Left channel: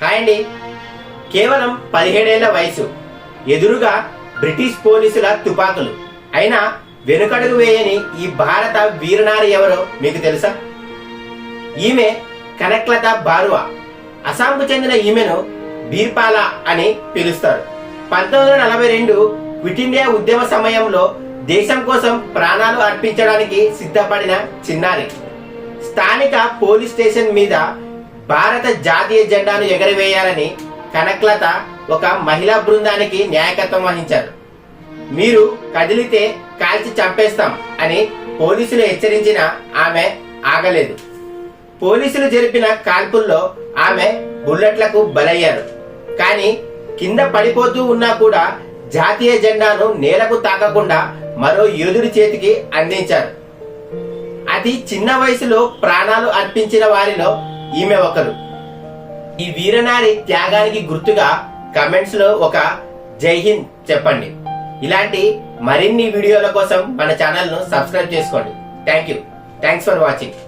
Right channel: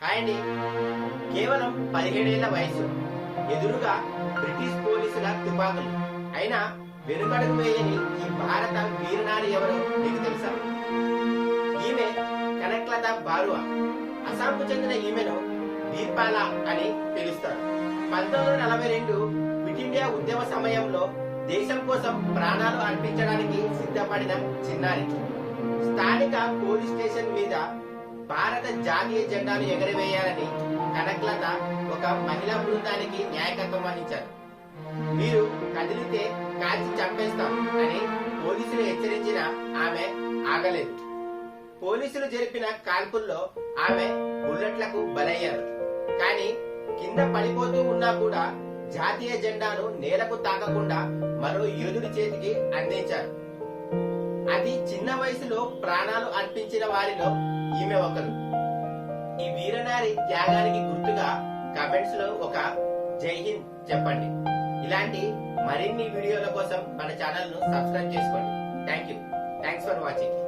Hi అండి. కేవలం 17 ఏళ్ల వయసు, ఎదురుగా బ్రిటిష్ పోలీసుల తుపాకులు, అయినా వెనుకడుగు వేయని ఈ భారత వీరనారి ఎవరో మీకు తెలుసా? ఈమె కనక్లతా బారువా. అస్సాంకు చెందిన ఈమెను బీర్పాలా అని పిలుస్తారు. 1942 క్విట్ ఇండియా ఉద్యమ సమయంలో దేశం కోసం ప్రాణాలు అర్పించడానికి సిద్ధపడిన చిన్నారి. స్థానిక పోలీస్ స్టేషన్ మీద భారత జాతీయ జెండాను ఎగరవేయాలని కనక్లత ఒక మహిళా బృందానికి నాయకత్వం వహించారు. మీరు కదిలితే కాల్చి చంపేస్తాం అని పోలీసులు హెచ్చరించిన ఆమె ఆగలేదు. పోలీసులు జరిపిన కాల్పుల్లో ఆమె బుల్లెట్లకు బలయ్యారు. కానీ కింద పడిపోతూ ఉన్నా కూడా జాతీయ జెండాను నేలకు తాకకుండా మరో యోధుడి చేతికి అందించారు. అతి చిన్న వయసులో ప్రాణాలు అర్పించిన వారిలో ఈమె ఒకరు. ఈ వీరనారి త్యాగానికి గుర్తుగా కమెంట్స్ లో ఒక జై హింద్ చెప్పండి. ఇలాంటి మరిన్ని వీడియోల కోసం మన ఛానల్ ను సబ్స్క్రైబ్ చేసుకోండి. Thanks for watching.